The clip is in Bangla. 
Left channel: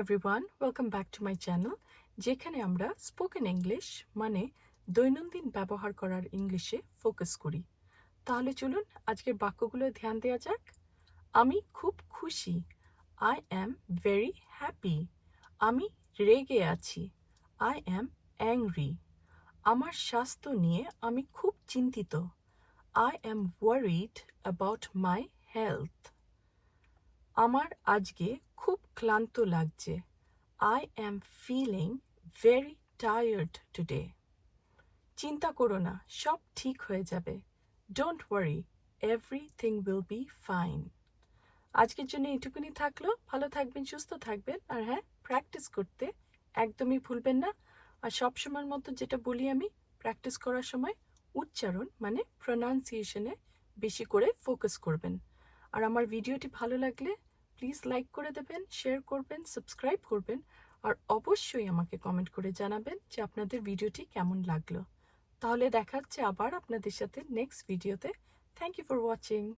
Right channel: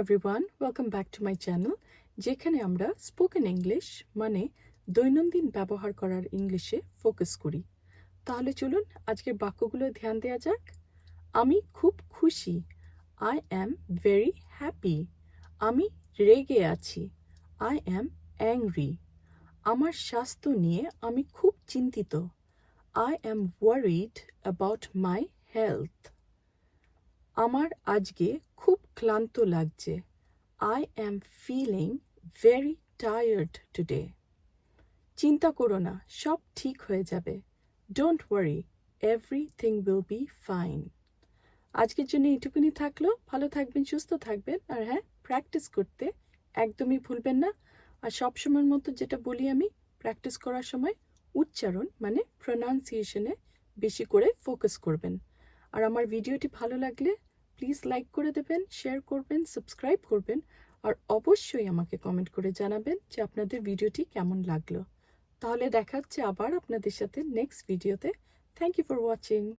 Everyone, welcome back to my channel, যেখানে আমরা স্পোকেন ইংলিশ মানে দৈনন্দিন ব্যবহার করার ইংলিশে ফোকাস করি। তাহলে চলুন আজকের বাক্যগুলো ধ্যান দেওয়া যাক। আমি খুব খুশি, আই অ্যাম ভেরি হ্যাপি। আমি রেগে আছি, আই অ্যাম অ্যাংরি। আমার স্বাস্থ্য নিয়ে আমি খুব চিন্তিত, I am worried about my health. আমার আজকে খুব ক্লান্ত লাগছে, I am feeling very tired today. চিন্তা করো না, সব ঠিক হয়ে যাবে। Don't worry, everything will be fine. আজকের জন্য এইটুকুনি থাকলো। ভালো থাকবেন, সুস্থ থাকবেন, আর হ্যাঁ, প্র্যাকটিস করতে একদমই ভুলবেন না। আর সবসময়ের মতো যেটা বলি আমি, প্র্যাকটিস করার সময় উচ্চারণ মানে প্রোনাউন্সিয়েশনে বেশি করে ফোকাস করবেন। আর আমার ভিডিওটি ভালো লাগলে প্লিজ লাইক করে দেবেন, শেয়ার করবেন, সাবস্ক্রাইব করবেন, আর অবশ্যই আমাকে কমেন্ট করে জানাবেন যে আপনাদের ভিডিওটি কেমন লাগলো। তাহলে দেখা হচ্ছে আবার আপনাদের সাথে নেক্সট ভিডিওতে। Thank you for watching.